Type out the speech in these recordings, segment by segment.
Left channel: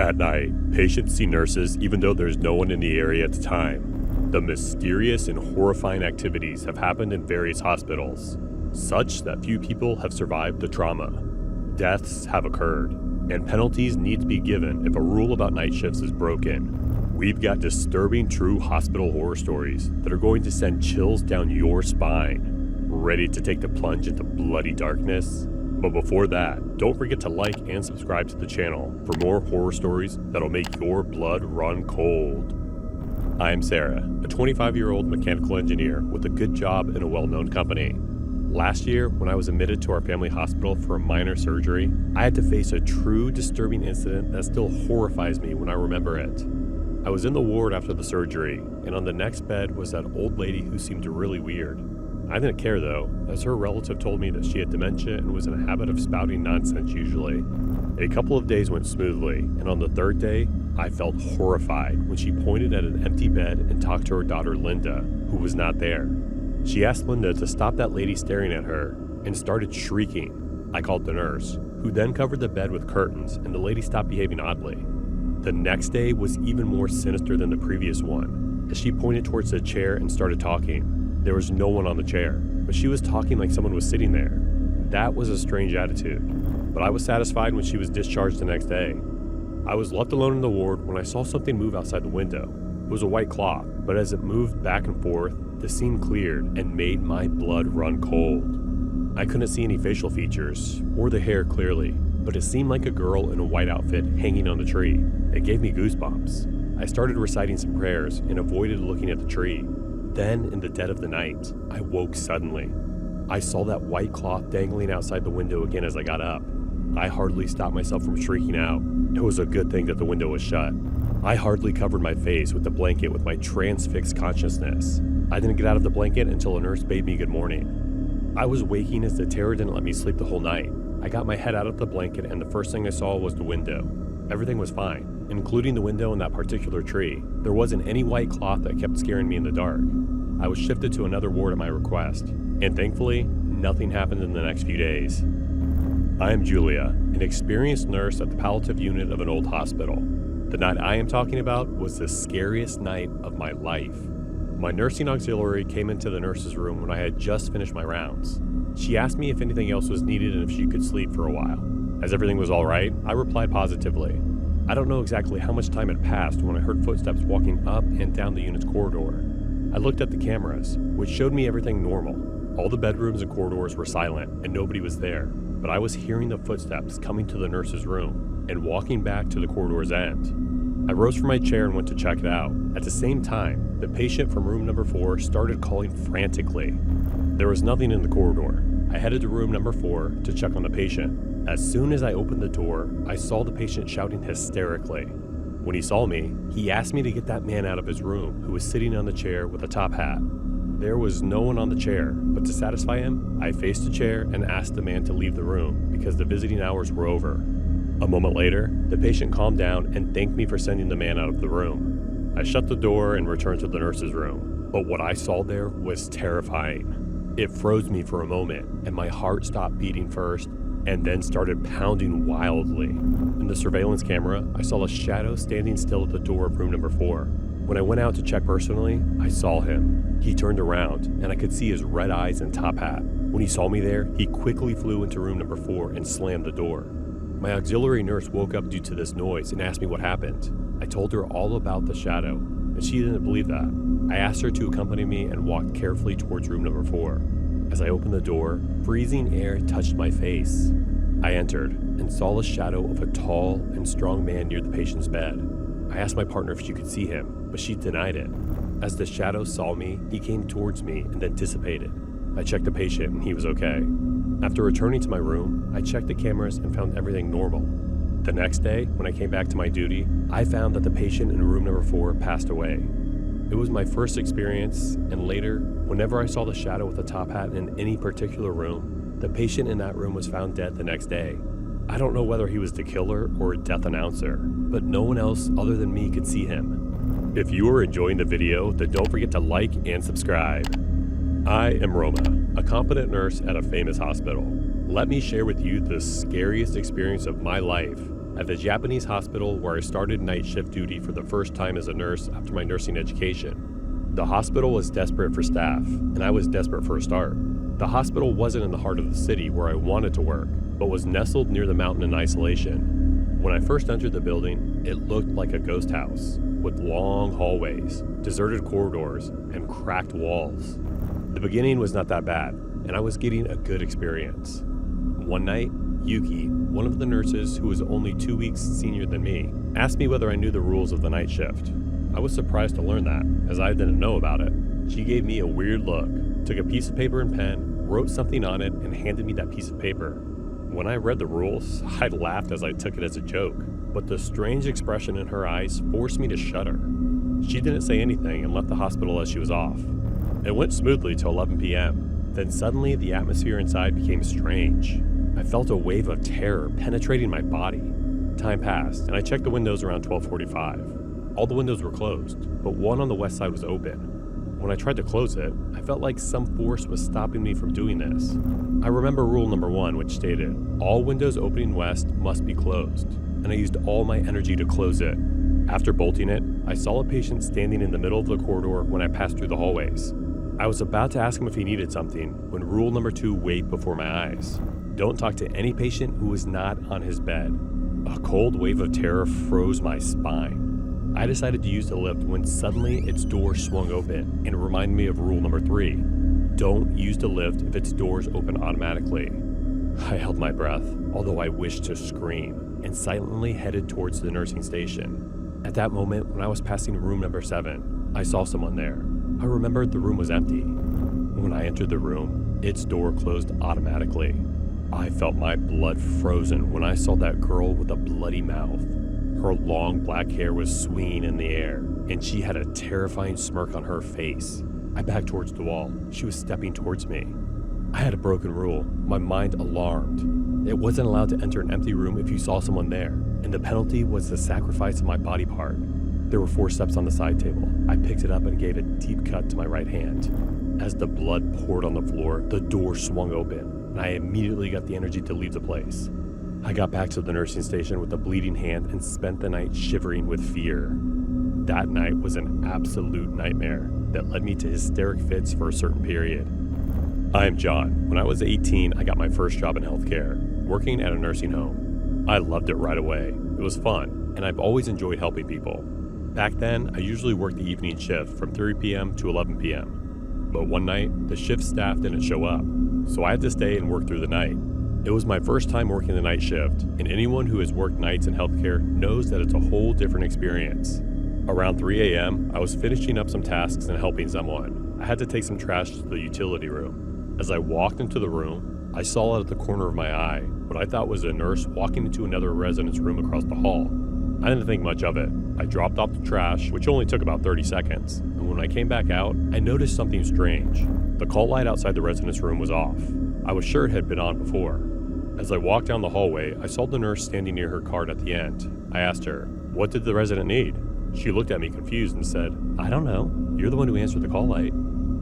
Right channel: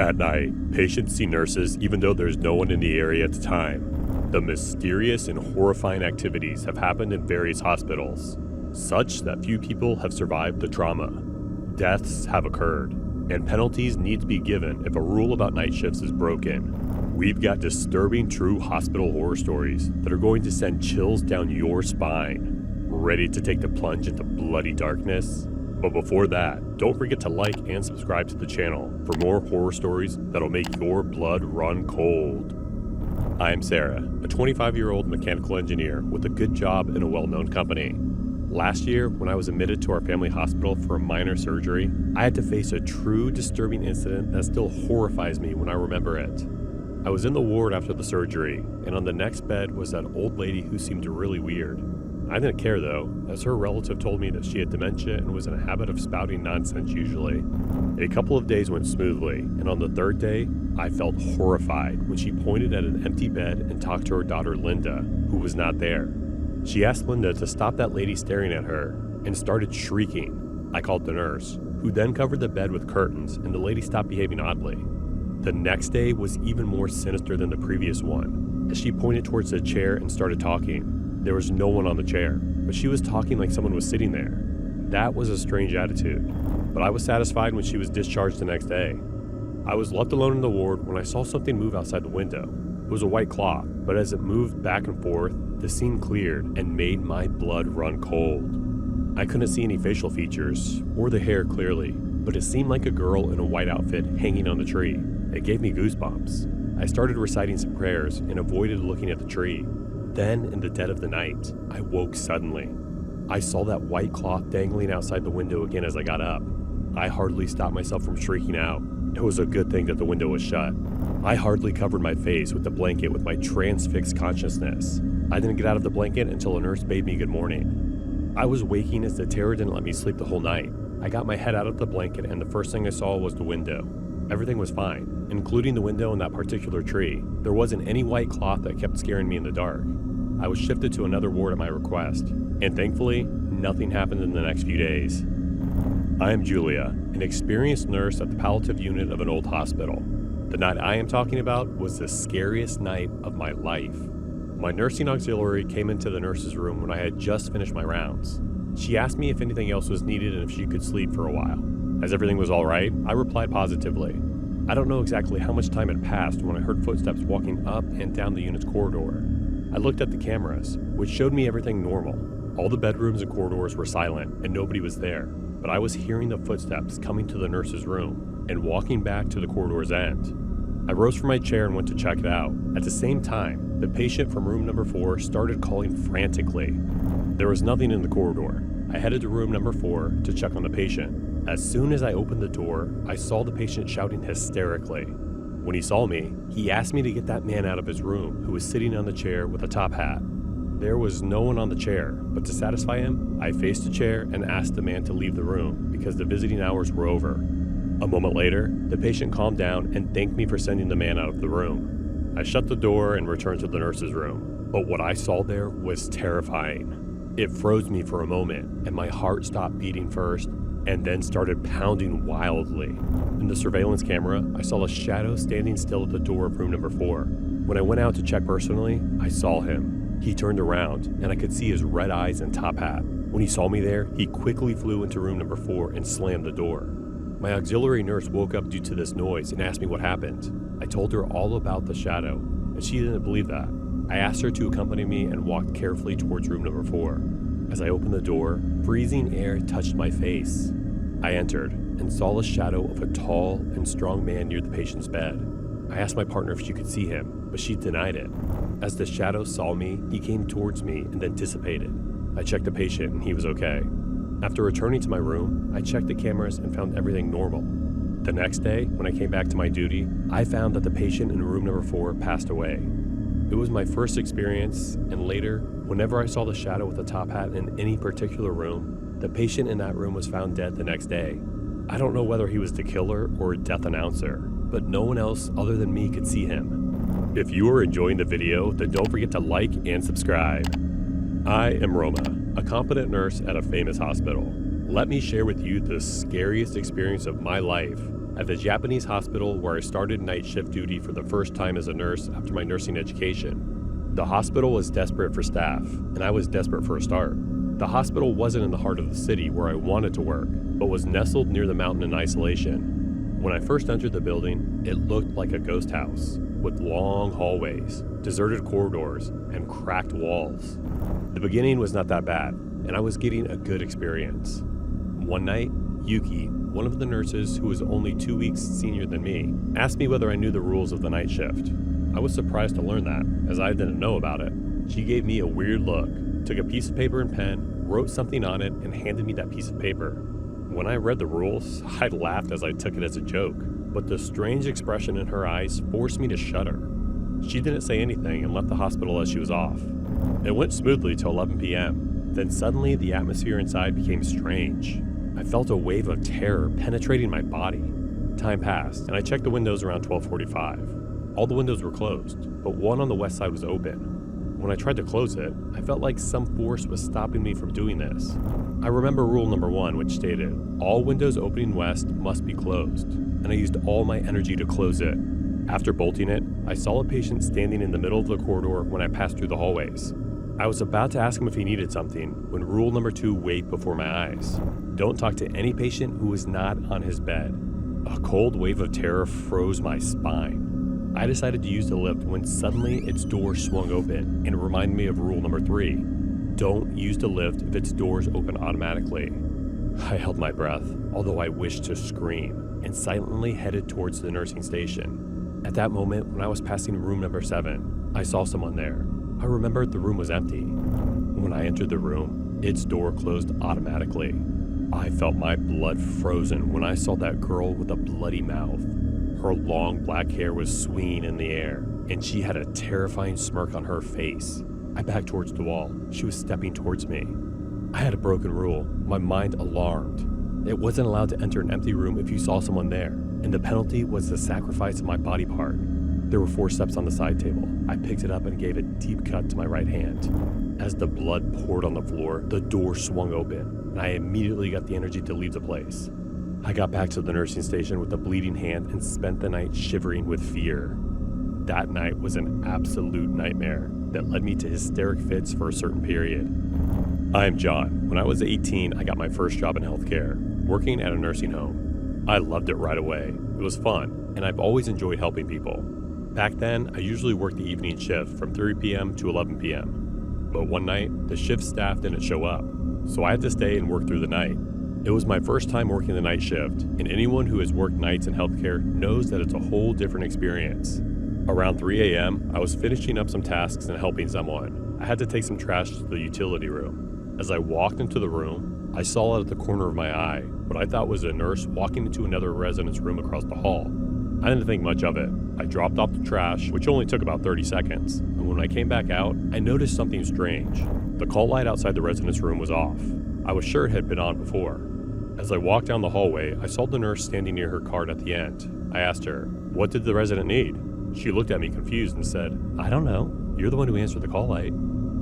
At night, patients see nurses even though there's no one in the area at the time. The mysterious and horrifying activities have happened in various hospitals, such that few people have survived the trauma. Deaths have occurred, and penalties need to be given if a rule about night shifts is broken. We've got disturbing true hospital horror stories that are going to send chills down your spine. Ready to take the plunge into bloody darkness? But before that, don't forget to like and subscribe to the channel for more horror stories that'll make your blood run cold. I'm Sarah, a 25-year-old mechanical engineer with a good job in a well-known company. Last year, when I was admitted to our family hospital for a minor surgery, I had to face a true disturbing incident that still horrifies me when I remember it. I was in the ward after the surgery, and on the next bed was that old lady who seemed really weird. I didn't care though, as her relative told me that she had dementia and was in a habit of spouting nonsense usually. A couple of days went smoothly, and on the third day, I felt horrified when she pointed at an empty bed and talked to her daughter Linda, who was not there. She asked Linda to stop that lady staring at her, and started shrieking. I called the nurse, who then covered the bed with curtains, and the lady stopped behaving oddly. The next day was even more sinister than the previous one, as she pointed towards the chair and started talking. There was no one on the chair, but she was talking like someone was sitting there. That was a strange attitude, but I was satisfied when she was discharged the next day. I was left alone in the ward when I saw something move outside the window. It was a white cloth, but as it moved back and forth, the scene cleared and made my blood run cold. I couldn't see any facial features or the hair clearly, but it seemed like a girl in a white outfit hanging on the tree. It gave me goosebumps. I started reciting some prayers and avoided looking at the tree. Then, in the dead of the night, I woke suddenly. I saw that white cloth dangling outside the window again as I got up. I hardly stopped myself from shrieking out. It was a good thing that the window was shut. I hardly covered my face with the blanket with my transfixed consciousness. I didn't get out of the blanket until a nurse bade me good morning. I was waking as the terror didn't let me sleep the whole night. I got my head out of the blanket and the first thing I saw was the window. Everything was fine, including the window and that particular tree. There wasn't any white cloth that kept scaring me in the dark. I was shifted to another ward at my request, and thankfully, nothing happened in the next few days. I am Julia, an experienced nurse at the palliative unit of an old hospital. The night I am talking about was the scariest night of my life. My nursing auxiliary came into the nurse's room when I had just finished my rounds. She asked me if anything else was needed and if she could sleep for a while. As everything was all right, I replied positively. I don't know exactly how much time had passed when I heard footsteps walking up and down the unit's corridor. I looked at the cameras, which showed me everything normal. All the bedrooms and corridors were silent and nobody was there, but I was hearing the footsteps coming to the nurse's room and walking back to the corridor's end. I rose from my chair and went to check it out. At the same time, the patient from room number 4 started calling frantically. There was nothing in the corridor. I headed to room number 4 to check on the patient. As soon as I opened the door, I saw the patient shouting hysterically. When he saw me, he asked me to get that man out of his room who was sitting on the chair with a top hat. There was no one on the chair, but to satisfy him, I faced the chair and asked the man to leave the room because the visiting hours were over. A moment later, the patient calmed down and thanked me for sending the man out of the room. I shut the door and returned to the nurse's room, but what I saw there was terrifying. It froze me for a moment, and my heart stopped beating first, and then started pounding wildly. In the surveillance camera, I saw a shadow standing still at the door of room number 4. When I went out to check personally, I saw him. He turned around, and I could see his red eyes and top hat. When he saw me there, he quickly flew into room number 4 and slammed the door. My auxiliary nurse woke up due to this noise and asked me what happened. I told her all about the shadow, and she didn't believe that. I asked her to accompany me and walked carefully towards room number 4. As I opened the door, freezing air touched my face. I entered and saw the shadow of a tall and strong man near the patient's bed. I asked my partner if she could see him, but she denied it. As the shadow saw me, he came towards me and then dissipated. I checked the patient and he was okay. After returning to my room, I checked the cameras and found everything normal. The next day, when I came back to my duty, I found that the patient in room number 4 passed away. It was my first experience, and later, whenever I saw the shadow with a top hat in any particular room, the patient in that room was found dead the next day. I don't know whether he was the killer or a death announcer, but no one else other than me could see him. If you are enjoying the video, then don't forget to like and subscribe. I am Roma, a competent nurse at a famous hospital. Let me share with you the scariest experience of my life at the Japanese hospital where I started night shift duty for the first time as a nurse after my nursing education. The hospital was desperate for staff, and I was desperate for a start. The hospital wasn't in the heart of the city where I wanted to work, but was nestled near the mountain in isolation. When I first entered the building, it looked like a ghost house, with long hallways, deserted corridors, and cracked walls. The beginning was not that bad, and I was getting a good experience. One night, Yuki, one of the nurses who was only 2 weeks senior than me, asked me whether I knew the rules of the night shift. I was surprised to learn that, as I didn't know about it. She gave me a weird look, took a piece of paper and pen, wrote something on it, and handed me that piece of paper. When I read the rules, I laughed as I took it as a joke, but the strange expression in her eyes forced me to shudder. She didn't say anything and left the hospital as she was off. It went smoothly till 11 p.m. Then suddenly the atmosphere inside became strange. I felt a wave of terror penetrating my body. Time passed, and I checked the windows around 12:45. All the windows were closed, but one on the west side was open. When I tried to close it, I felt like some force was stopping me from doing this. I remember rule number 1, which stated, all windows opening west must be closed, and I used all my energy to close it. After bolting it, I saw a patient standing in the middle of the corridor when I passed through the hallways. I was about to ask him if he needed something when rule number 2 waved before my eyes. Don't talk to any patient who is not on his bed. A cold wave of terror froze my spine. I decided to use the lift when suddenly its door swung open, and it reminded me of rule number 3. Don't use the lift if its doors open automatically. I held my breath, although I wished to scream, and silently headed towards the nursing station. At that moment, when I was passing room number 7, I saw someone there. I remembered the room was empty. When I entered the room, its door closed automatically. I felt my blood frozen when I saw that girl with a bloody mouth. Her long black hair was swinging in the air, and she had a terrifying smirk on her face. I backed towards the wall. She was stepping towards me. I had a broken rule, my mind alarmed. It wasn't allowed to enter an empty room if you saw someone there, and the penalty was the sacrifice of my body part. There were 4 steps on the side table. I picked it up and gave a deep cut to my right hand. As the blood poured on the floor, the door swung open, and I immediately got the energy to leave the place. I got back to the nursing station with a bleeding hand and spent the night shivering with fear. That night was an absolute nightmare that led me to hysteric fits for a certain period. I am John. When I was 18, I got my first job in healthcare, working at a nursing home. I loved it right away. It was fun, and I've always enjoyed helping people. Back then, I usually worked the evening shift from 3 p.m. to 11 p.m. But one night, the shift staff didn't show up, so I had to stay and work through the night. It was my first time working the night shift, and anyone who has worked nights in healthcare knows that it's a whole different experience. Around 3 a.m., I was finishing up some tasks and helping someone. I had to take some trash to the utility room. As I walked into the room, I saw out of the corner of my eye what I thought was a nurse walking into another resident's room across the hall. I didn't think much of it. I dropped off the trash, which only took about 30 seconds, and when I came back out, I noticed something strange. The call light outside the resident's room was off. I was sure it had been on before. As I walked down the hallway, I saw the nurse standing near her card at the end. I asked her, "What did the resident need?" She looked at me confused and said, "I don't know. You're the one who answered the call light."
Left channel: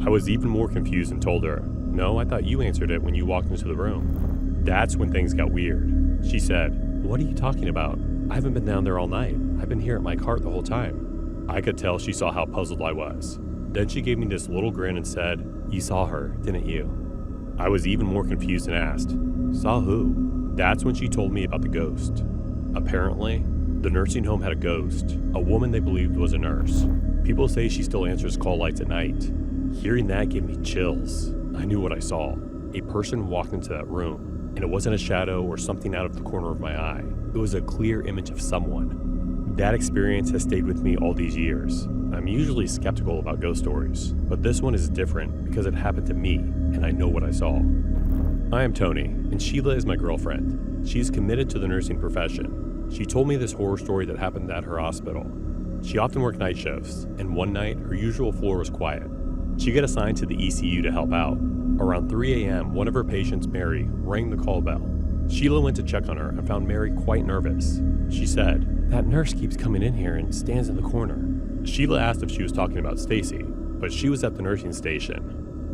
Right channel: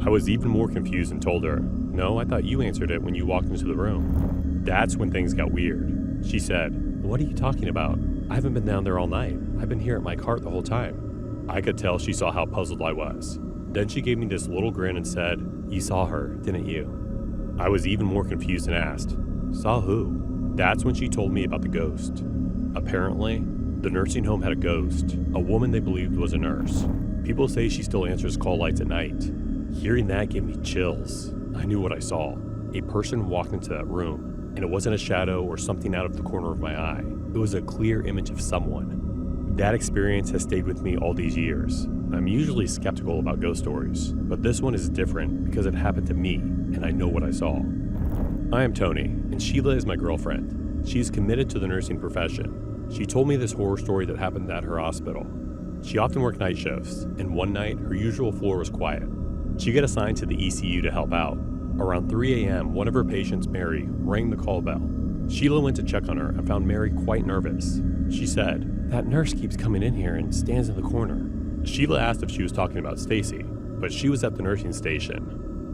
I was even more confused and told her, "No, I thought you answered it when you walked into the room." That's when things got weird. She said, "What are you talking about? I haven't been down there all night. I've been here at my cart the whole time." I could tell she saw how puzzled I was. Then she gave me this little grin and said, "You saw her, didn't you?" I was even more confused and asked, "Saw who?" That's when she told me about the ghost. Apparently, the nursing home had a ghost, a woman they believed was a nurse. People say she still answers call lights at night. Hearing that gave me chills. I knew what I saw. A person walked into that room, and it wasn't a shadow or something out of the corner of my eye. It was a clear image of someone. That experience has stayed with me all these years. I'm usually skeptical about ghost stories, but this one is different because it happened to me, and I know what I saw. I am Tony, and Sheila is my girlfriend. She's committed to the nursing profession. She told me this horror story that happened at her hospital. She often worked night shifts, and one night, her usual floor was quiet. She got assigned to the ECU to help out. Around 3 a.m., one of her patients, Mary, rang the call bell. Sheila went to check on her and found Mary quite nervous. She said, "That nurse keeps coming in here and stands in the corner." Sheila asked if she was talking about Stacy, but she was at the nursing station.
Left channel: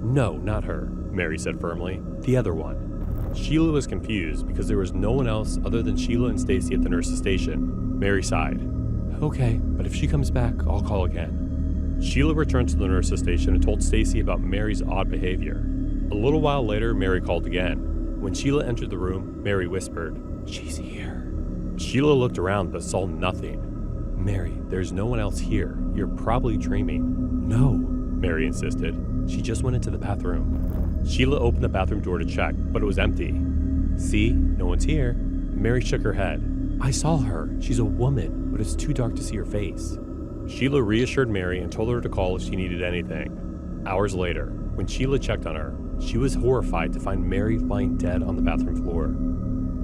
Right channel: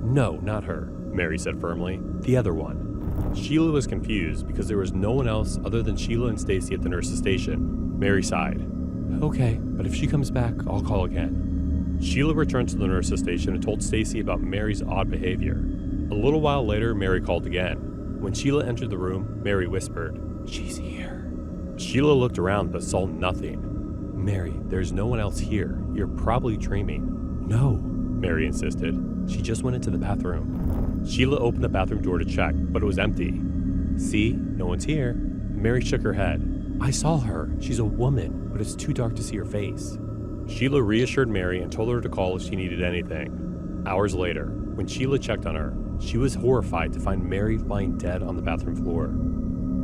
"No, not her," Mary said firmly. "The other one." Sheila was confused because there was no one else other than Sheila and Stacy at the nurse's station. Mary sighed. Okay, but if she comes back, I'll call again. Sheila returned to the nurse's station and told Stacy about Mary's odd behavior. A little while later, Mary called again. When Sheila entered the room, Mary whispered, "She's here." Sheila looked around but saw nothing. "Mary, there's no one else here. You're probably dreaming." "No," Mary insisted. "She just went into the bathroom." Sheila opened the bathroom door to check, but it was empty. "See, no one's here." Mary shook her head. "I saw her. She's a woman, but it's too dark to see her face." Sheila reassured Mary and told her to call if she needed anything. Hours later, when Sheila checked on her, she was horrified to find Mary lying dead on the bathroom floor.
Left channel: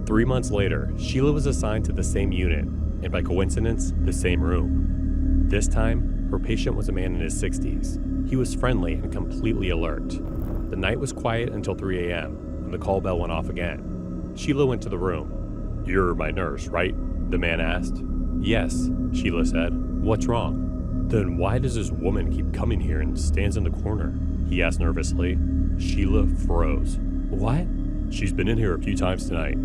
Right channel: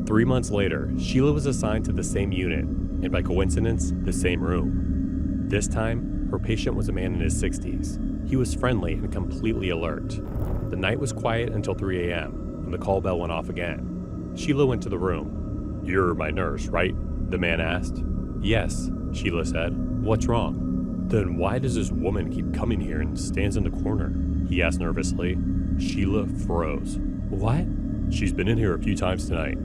3 months later, Sheila was assigned to the same unit, and by coincidence, the same room. This time, her patient was a man in his 60s. He was friendly and completely alert. The night was quiet until 3 a.m., when the call bell went off again. Sheila went to the room. "You're my nurse, right?" the man asked. "Yes," Sheila said. "What's wrong?" "Then why does this woman keep coming here and stands in the corner?" he asked nervously. Sheila froze. "What?" "She's been in here a few times tonight.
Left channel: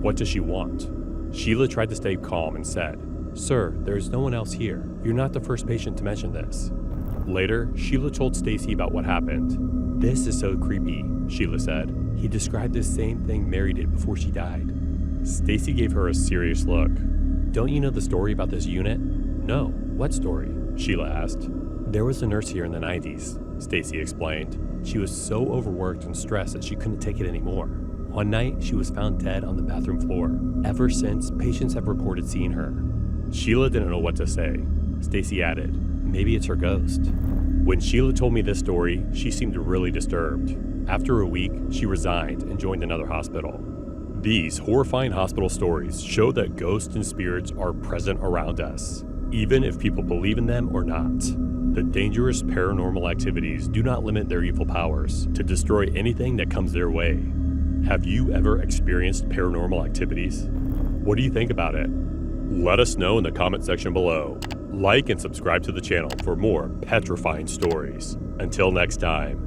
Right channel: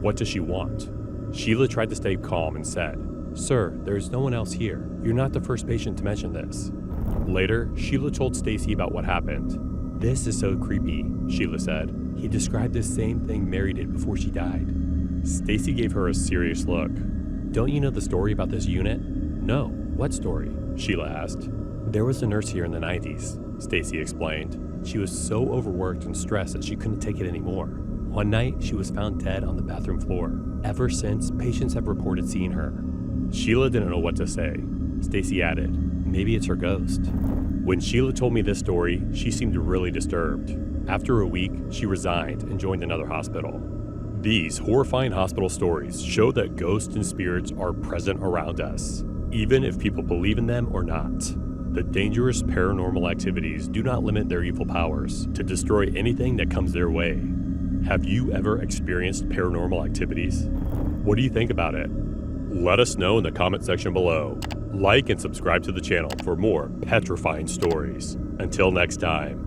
What does she want?" Sheila tried to stay calm and said, "Sir, there is no one else here. You're not the first patient to mention this." Later, Sheila told Stacy about what happened. "This is so creepy," Sheila said. "He described the same thing Mary did before she died." Stacy gave her a serious look. "Don't you know the story about this unit?" "No. What story?" Sheila asked. "There was a nurse here in the 90s, Stacy explained. She was so overworked and stressed that she couldn't take it anymore. One night, she was found dead on the bathroom floor. Ever since, patients have reported seeing her." Sheila didn't know what to say. Stacy added, "Maybe it's her ghost." When Sheila told me this story, she seemed really disturbed. After a week, she resigned and joined another hospital. These horrifying hospital stories show that ghosts and spirits are present around us, even if people believe in them or not. The dangerous paranormal activities do not limit their evil powers to destroy anything that comes their way. Have you ever experienced paranormal activities? What do you think about it? Let us know in the comment section below. Like and subscribe to the channel for more petrifying stories. Until next time.